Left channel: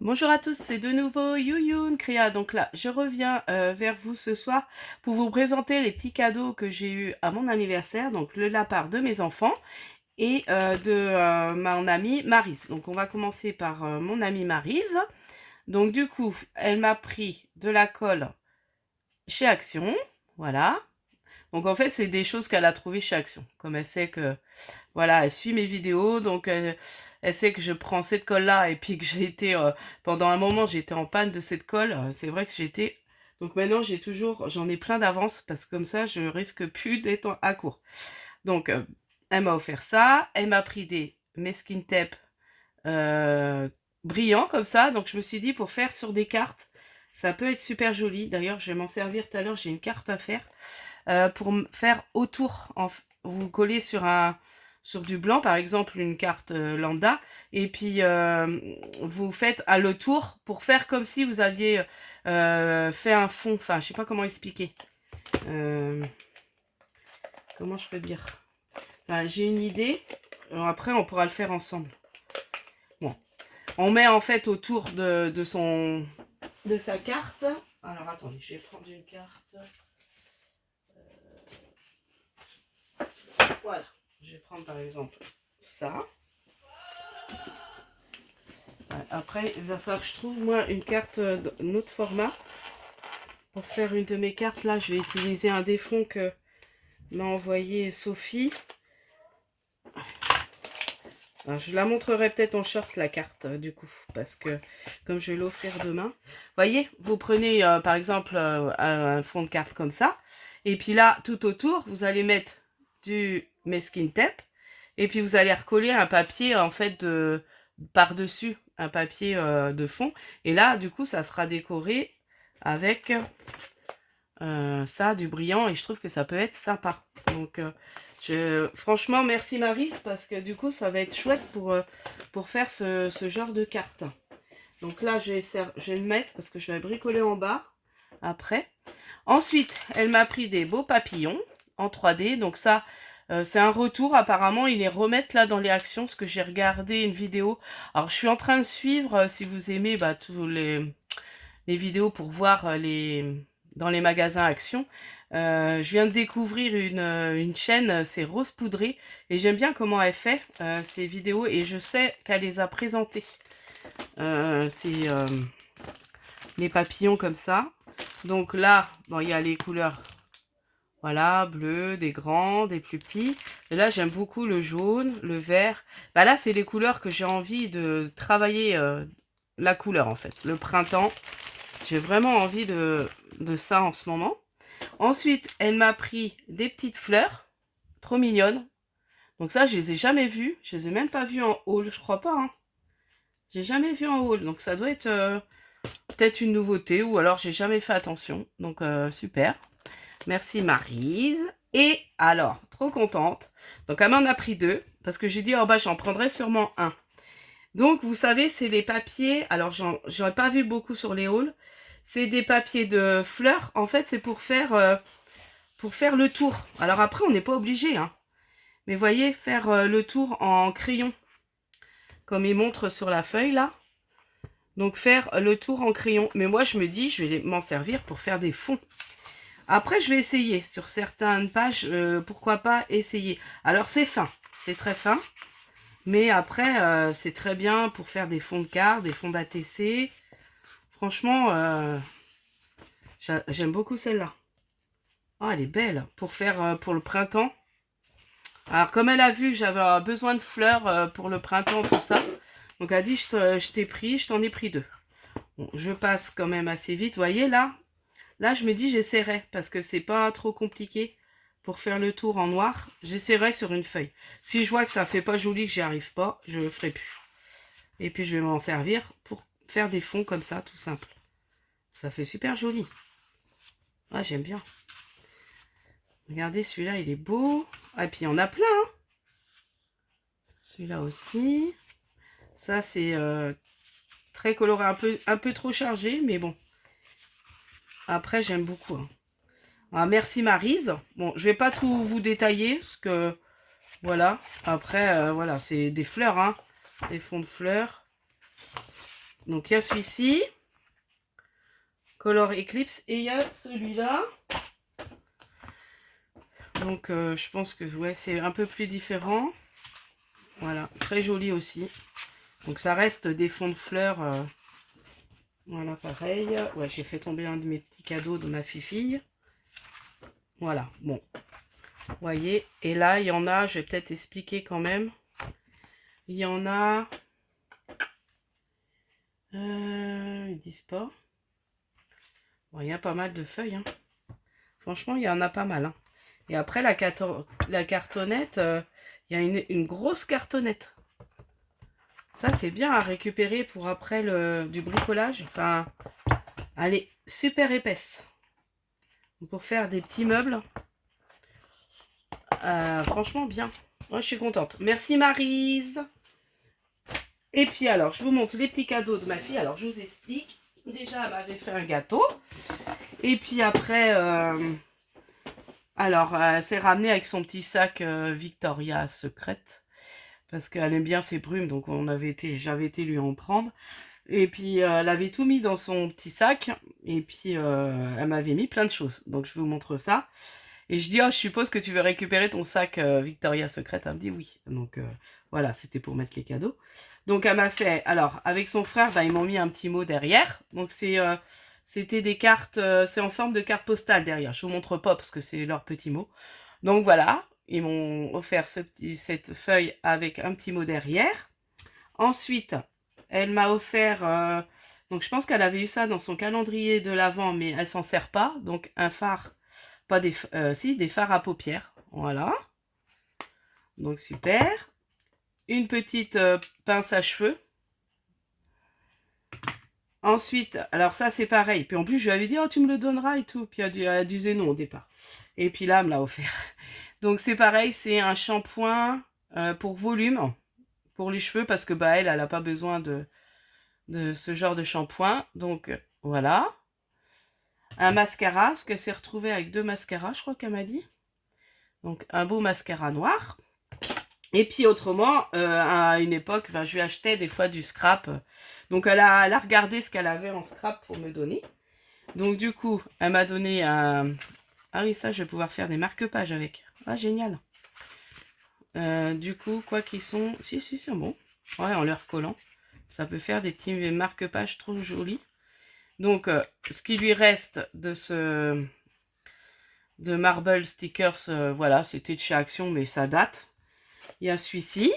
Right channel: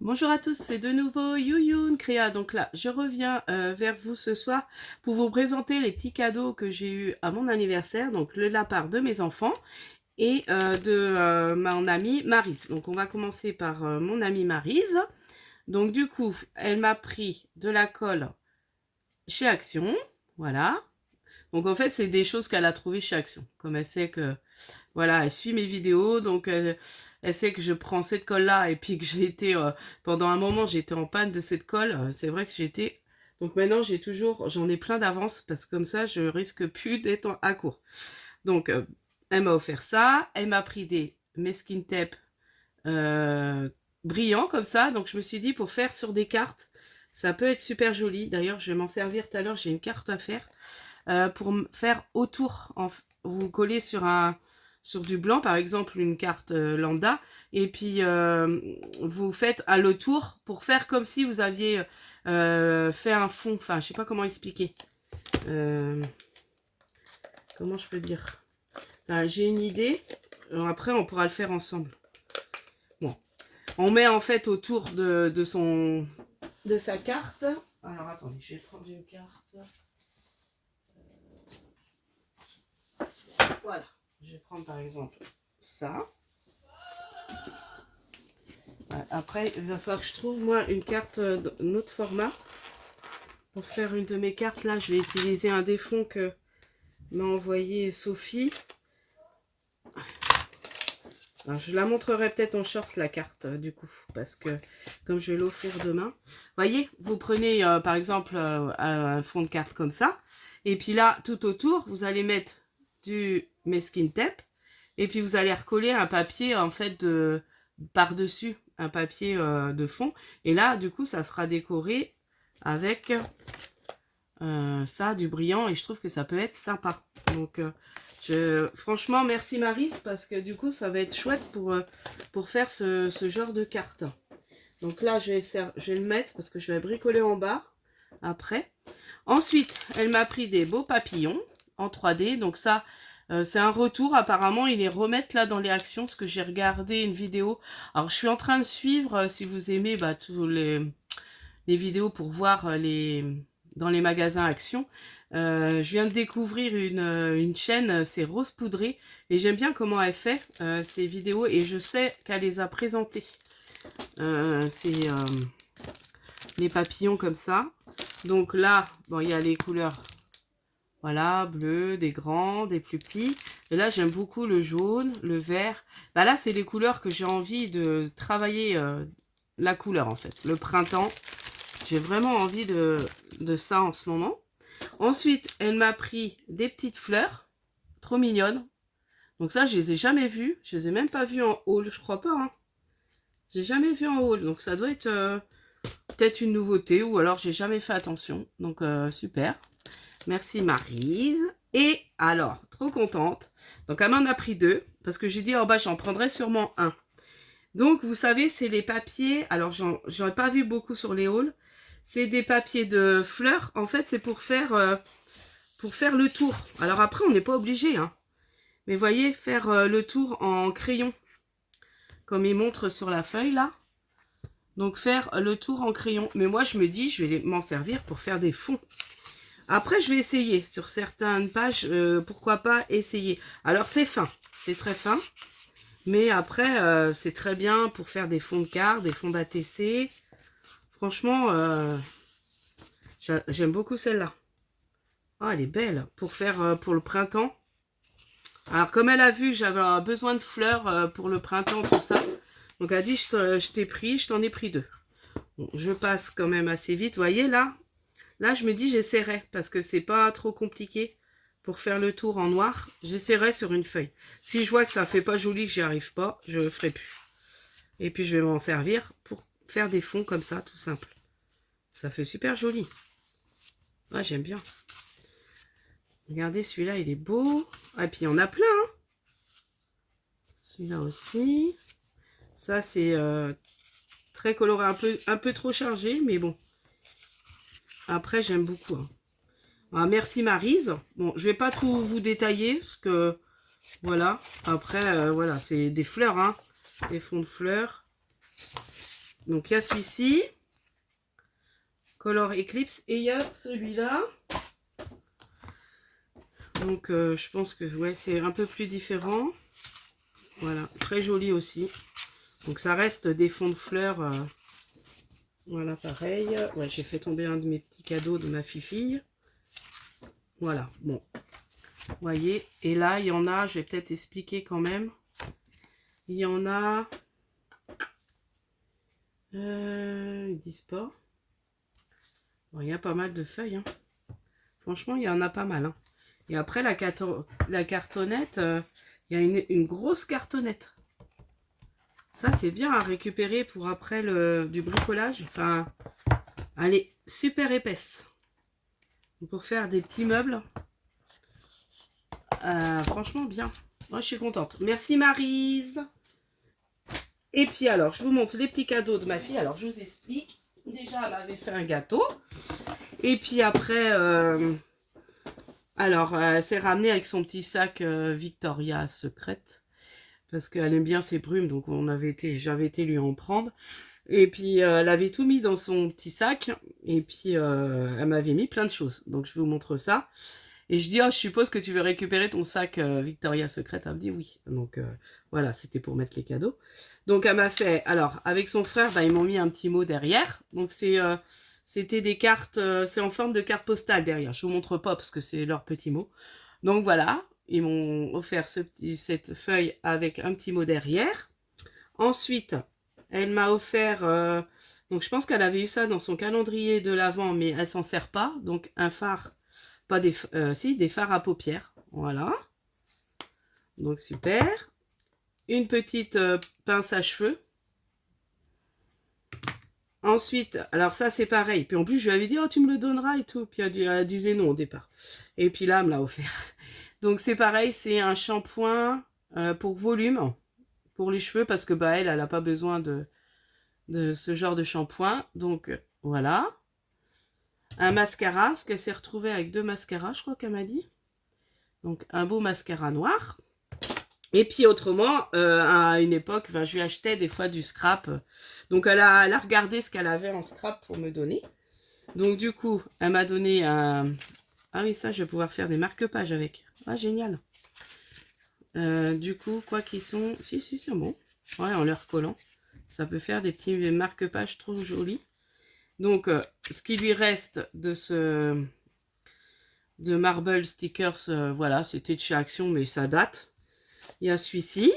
Bonjour à tous, c'est de nouveau Youyun Créa. Donc là, je reviens vers vous ce soir pour vous présenter les petits cadeaux que j'ai eus à mon anniversaire. Donc de la part de mes enfants et de mon amie Maryse. Donc on va commencer par mon amie Maryse. Donc du coup, elle m'a pris de la colle chez Action. Voilà. Donc en fait, c'est des choses qu'elle a trouvées chez Action. Comme elle sait que, voilà, elle suit mes vidéos, donc elle sait que je prends cette colle-là et puis que j'ai été, pendant un moment, j'étais en panne de cette colle. C'est vrai que j'étais... Donc maintenant, j'en ai plein d'avance parce que comme ça, je risque plus d'être à court. Donc, elle m'a offert ça. Elle m'a pris des mesquin tape euh, brillants comme ça. Donc je me suis dit, pour faire sur des cartes, ça peut être super joli. D'ailleurs, je vais m'en servir tout à l'heure, j'ai une carte à faire pour faire autour. Vous collez sur du blanc, par exemple une carte lambda, et puis vous faites à le tour pour faire comme si vous aviez fait un fond. Enfin, je sais pas comment expliquer. Euh, comment je peux dire. Enfin, j'ai une idée. Alors après, on pourra le faire ensemble. Bon, on met en fait autour de sa carte. Alors attendez, je vais prendre une carte. Voilà. Je vais prendre par exemple ça. Après, il va falloir que je trouve moi une carte d'un autre format. Pour faire une de mes cartes, là, je vais utiliser un des fonds que m'a envoyé Sophie. Alors, je la montrerai peut-être en short, la carte, du coup, parce que comme je vais l'offrir demain. Voyez, vous prenez par exemple un fond de carte comme ça. Et puis là, tout autour, vous allez mettre du mesquin tape. Et puis vous allez recoller un papier en fait par-dessus, un papier de fond. Et là, du coup, ça sera décoré avec ça, du brillant. Et je trouve que ça peut être sympa. Donc, franchement, merci Maryse, parce que du coup, ça va être chouette pour faire ce genre de carte. Donc là, je vais le mettre parce que je vais bricoler en bas après. Ensuite, elle m'a pris des beaux papillons en 3D. Donc ça, c'est un retour. Apparemment, ils les remettent là dans les actions parce que j'ai regardé une vidéo. Alors, je suis en train de suivre, si vous aimez, tous les vidéos pour voir dans les magasins actions. Je viens de découvrir une chaîne, c'est Rose Poudrée. Et j'aime bien comment elle fait ces vidéos. Et je sais qu'elle les a présentées. C'est les papillons comme ça. Donc là, bon, il y a les couleurs. Voilà, bleu, des grands, des plus petits. Et là, j'aime beaucoup le jaune, le vert. Bah là, c'est les couleurs que j'ai envie de travailler la couleur, en fait. Le printemps, j'ai vraiment envie de ça en ce moment. Ensuite, elle m'a pris des petites fleurs, trop mignonnes. Donc ça, je les ai jamais vues. Je les ai même pas vues en haul, je crois pas. Hein. J'ai jamais vu en haul. Donc ça doit être peut-être une nouveauté ou alors j'ai jamais fait attention. Donc super. Merci Maryse. Et alors, trop contente. Donc elle m'en a pris deux parce que j'ai dit oh bah j'en prendrai sûrement un. Donc vous savez, c'est les papiers. Alors j'en ai pas vu beaucoup sur les hauls. C'est des papiers de fleurs. En fait, c'est pour faire le tour. Alors après, on n'est pas obligé. Hein. Mais voyez, faire le tour en crayon. Comme il montre sur la feuille là. Donc faire le tour en crayon. Mais moi, je me dis, je vais m'en servir pour faire des fonds. Après, je vais essayer. Sur certaines pages, pourquoi pas essayer. Alors, c'est fin. C'est très fin. Mais après, c'est très bien pour faire des fonds de cartes, des fonds d'ATC. Franchement, j'aime beaucoup celle-là. Ah, elle est belle. Pour faire pour le printemps. Alors, comme elle a vu que j'avais besoin de fleurs pour le printemps, tout ça. Donc, elle a dit, je t'en ai pris deux. Bon, je passe quand même assez vite. Vous voyez, là, je me dis, j'essaierai. Parce que c'est pas trop compliqué pour faire le tour en noir. J'essaierai sur une feuille. Si je vois que ça fait pas joli, que j'y arrive pas, je le ferai plus. Et puis, je vais m'en servir pour faire des fonds comme ça, tout simple. Ça fait super joli. Ah, j'aime bien. Regardez, celui-là, il est beau. Ah, et puis, il y en a plein. Hein. Celui-là aussi. Ça, c'est très coloré, un peu trop chargé, mais bon. Après, j'aime beaucoup. Hein. Ah, merci Maryse. Bon, je vais pas tout vous détailler, parce que, voilà. Après, voilà, c'est des fleurs, hein. Des fonds de fleurs. Donc il y a celui-ci, Color Eclipse, et il y a celui-là. Donc je pense que ouais, c'est un peu plus différent. Voilà, très joli aussi. Donc ça reste des fonds de fleurs. Voilà, pareil. Ouais, j'ai fait tomber un de mes petits cadeaux de ma fille. Voilà, bon. Vous voyez, et là, il y en a, je vais peut-être expliquer quand même. Il y en a... ils disent pas. Bon, il y a pas mal de feuilles. Hein. Franchement, il y en a pas mal. Hein. Et après, la cartonnette, il y a une grosse cartonnette. Ça, c'est bien à récupérer pour après du bricolage. Enfin, elle est super épaisse. Pour faire des petits meubles. Franchement, bien. Moi, je suis contente. Merci, Maryse. Et puis, alors, je vous montre les petits cadeaux de ma fille. Alors, je vous explique. Déjà, elle m'avait fait un gâteau. Et puis après, elle s'est ramenée avec son petit sac Victoria Secret. Parce qu'elle aime bien ses brumes. Donc, j'avais été lui en prendre. Et puis, elle avait tout mis dans son petit sac. Et puis, elle m'avait mis plein de choses. Donc, je vous montre ça. Et je dis, je suppose que tu veux récupérer ton sac Victoria Secret. Elle me dit oui. Donc, voilà, c'était pour mettre les cadeaux. Donc, elle m'a fait... Alors, avec son frère, ils m'ont mis un petit mot derrière. Donc, c'était des cartes... c'est en forme de carte postale derrière. Je vous montre pas parce que c'est leur petit mot. Donc, voilà. Ils m'ont offert cette feuille avec un petit mot derrière. Ensuite, elle m'a offert... donc, je pense qu'elle avait eu ça dans son calendrier de l'Avent, mais elle s'en sert pas. Donc, un phare... Pas des... des fards à paupières. Voilà. Donc, super. Une petite pince à cheveux. Ensuite, alors ça, c'est pareil. Puis en plus, je lui avais dit, tu me le donneras et tout. Puis elle disait non au départ. Et puis là, elle me l'a offert. Donc, c'est pareil, c'est un shampoing pour volume. Pour les cheveux, parce que elle n'a pas besoin de ce genre de shampoing. Donc, voilà. Un mascara, parce qu'elle s'est retrouvée avec 2 mascaras, je crois qu'elle m'a dit. Donc, un beau mascara noir. Et puis, autrement, à une époque, je lui achetais des fois du scrap. Donc, elle a regardé ce qu'elle avait en scrap pour me donner. Donc, du coup, elle m'a donné un... Ah oui, ça, je vais pouvoir faire des marque-pages avec. Ah, génial. Du coup, quoi qu'ils sont... Si, c'est bon. Ouais, en les recollant. Ça peut faire des petits marque-pages trop jolis. Donc, ce qui lui reste de Marble Stickers, voilà, c'était de chez Action, mais ça date. Il y a celui-ci.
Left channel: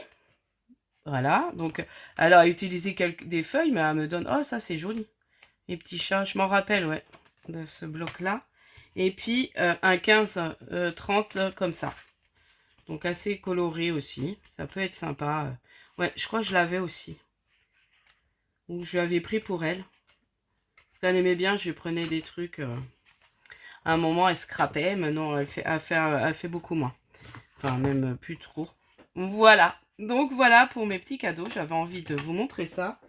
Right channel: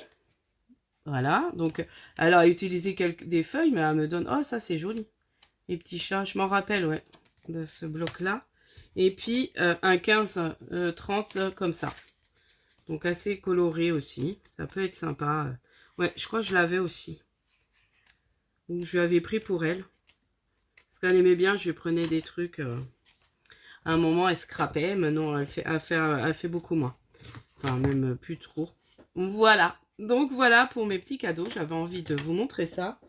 Voilà, donc elle a utilisé des feuilles, mais elle me donne... Oh, ça, c'est joli. Les petits chats, je m'en rappelle, ouais, de ce bloc-là. Et puis, un 15-30 comme ça. Donc, assez coloré aussi. Ça peut être sympa. Ouais, je crois que je l'avais aussi. Ou je l'avais pris pour elle. Parce qu'elle aimait bien, je lui prenais des trucs. À un moment, elle scrapait. Maintenant, elle fait beaucoup moins. Enfin, même plus trop. Voilà. Donc, voilà pour mes petits cadeaux. J'avais envie de vous montrer ça.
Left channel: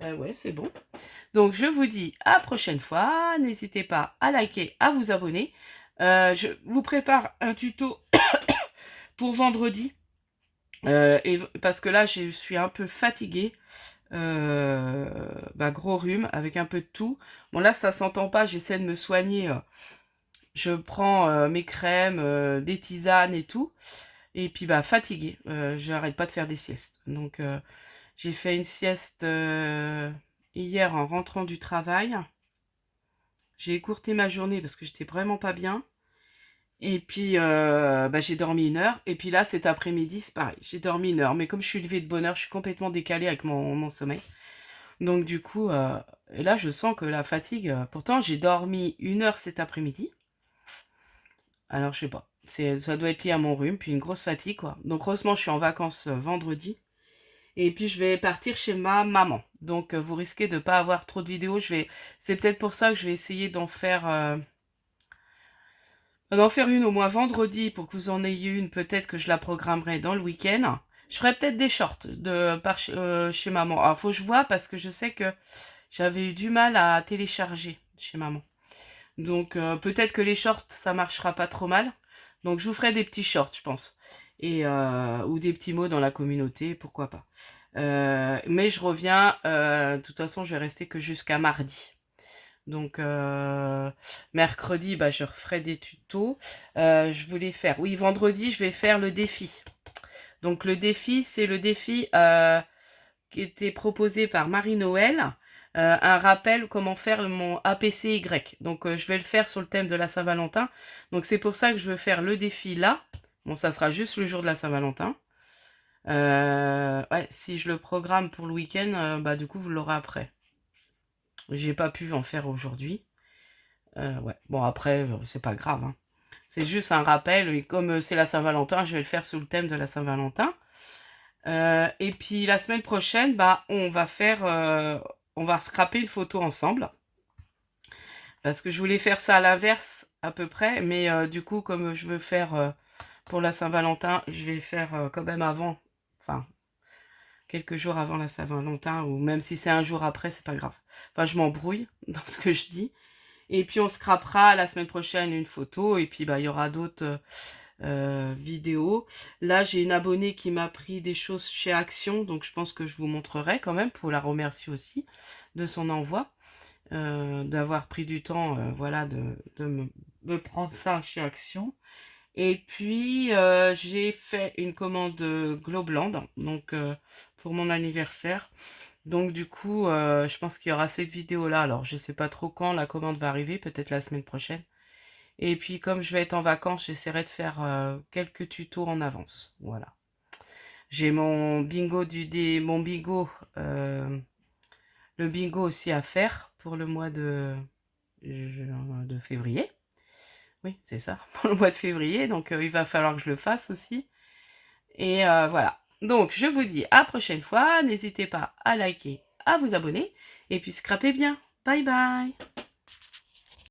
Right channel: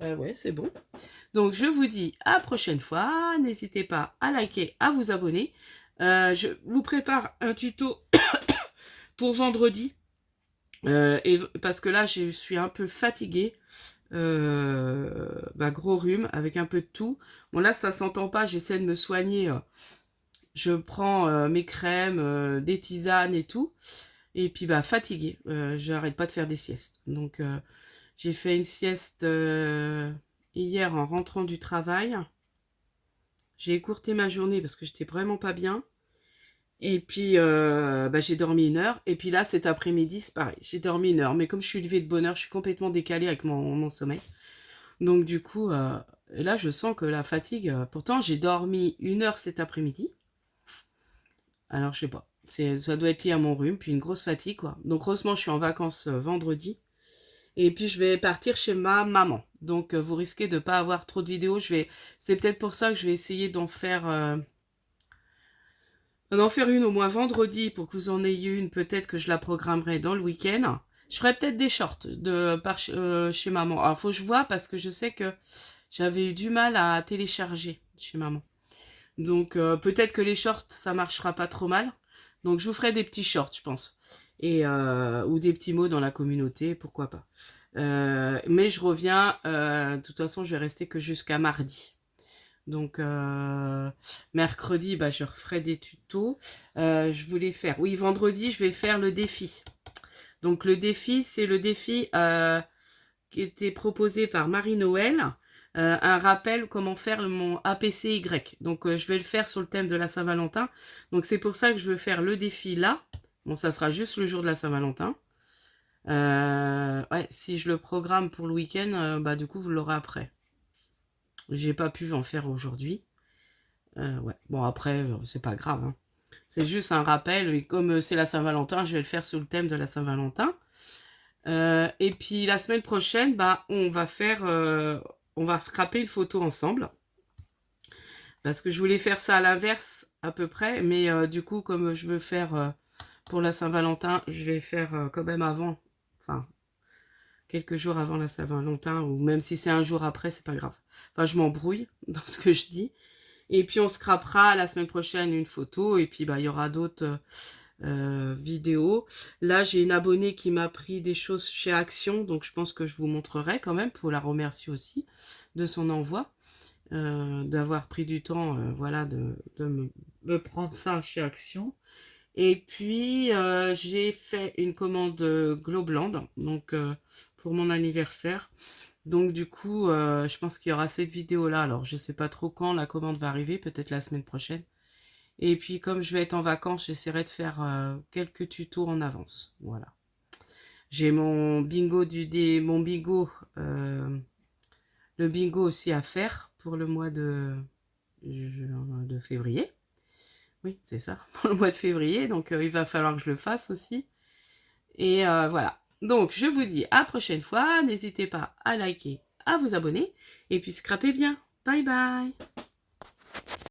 Ouais, c'est bon. Donc, je vous dis à la prochaine fois. N'hésitez pas à liker, à vous abonner. Je vous prépare un tuto pour vendredi. Parce que là, je suis un peu fatiguée. Gros rhume avec un peu de tout. Bon, là, ça s'entend pas. J'essaie de me soigner. Je prends mes crèmes, des tisanes et tout. Et puis, fatiguée. J'arrête pas de faire des siestes. Donc, j'ai fait une sieste hier en rentrant du travail. J'ai écourté ma journée parce que j'étais vraiment pas bien. Et puis, j'ai dormi 1 heure. Et puis là, cet après-midi, c'est pareil. J'ai dormi 1 heure. Mais comme je suis levée de bonne heure, je suis complètement décalée avec mon sommeil. Donc, du coup, et là, je sens que la fatigue... pourtant, j'ai dormi 1 heure cet après-midi. Alors, je sais pas. Ça doit être lié à mon rhume. Puis une grosse fatigue, quoi. Donc, heureusement, je suis en vacances vendredi. Et puis, je vais partir chez ma maman. Donc, vous risquez de ne pas avoir trop de vidéos. C'est peut-être pour ça que je vais essayer d'en faire une au moins vendredi pour que vous en ayez une. Peut-être que je la programmerai dans le week-end. Je ferai peut-être des shorts chez maman. Alors, faut que je vois parce que je sais que j'avais eu du mal à télécharger chez maman. Donc, peut-être que les shorts, ça marchera pas trop mal. Donc, je vous ferai des petits shorts, je pense. Ou des petits mots dans la communauté, pourquoi pas. Mais je reviens, de toute façon, je vais rester que jusqu'à mardi. Donc, mercredi, bah, je referai des tutos. Je voulais faire... Oui, vendredi, je vais faire le défi. Donc, le défi, c'est le défi qui était proposé par Marie-Noël. Un rappel comment faire mon APCY. Donc, je vais le faire sur le thème de la Saint-Valentin. Donc, c'est pour ça que je veux faire le défi là. Bon, ça sera juste le jour de la Saint-Valentin. Ouais, si je le programme pour le week-end, bah, du coup, vous l'aurez après. J'ai pas pu en faire aujourd'hui. Ouais. Bon, après, c'est pas grave, hein. C'est juste un rappel. Et comme c'est la Saint-Valentin, je vais le faire sous le thème de la Saint-Valentin. Et puis la semaine prochaine, bah, on va scraper une photo ensemble. Parce que je voulais faire ça à l'inverse à peu près. Mais du coup, comme je veux faire pour la Saint-Valentin, je vais faire quand même avant. Enfin, quelques jours avant la Saint-Valentin. Ou même si c'est un jour après, c'est pas grave. Enfin, je m'embrouille dans ce que je dis. Et puis on scrapera la semaine prochaine une photo. Et puis bah, il y aura d'autres vidéos. Là, j'ai une abonnée qui m'a pris des choses chez Action. Donc je pense que je vous montrerai quand même pour la remercier aussi de son envoi. D'avoir pris du temps voilà, de prendre ça chez Action. Et puis j'ai fait une commande Globland donc pour mon anniversaire. Donc du coup, je pense qu'il y aura cette vidéo-là. Alors, je sais pas trop quand la commande va arriver, peut-être la semaine prochaine. Et puis, comme je vais être en vacances, j'essaierai de faire quelques tutos en avance. Voilà. J'ai mon bingo mon bingo, le bingo aussi à faire pour le mois de février. Oui, c'est ça, pour le mois de février. Donc, il va falloir que je le fasse aussi. Et voilà. Donc, je vous dis à la prochaine fois. N'hésitez pas à liker, à vous abonner. Et puis, scrapez bien. Bye bye.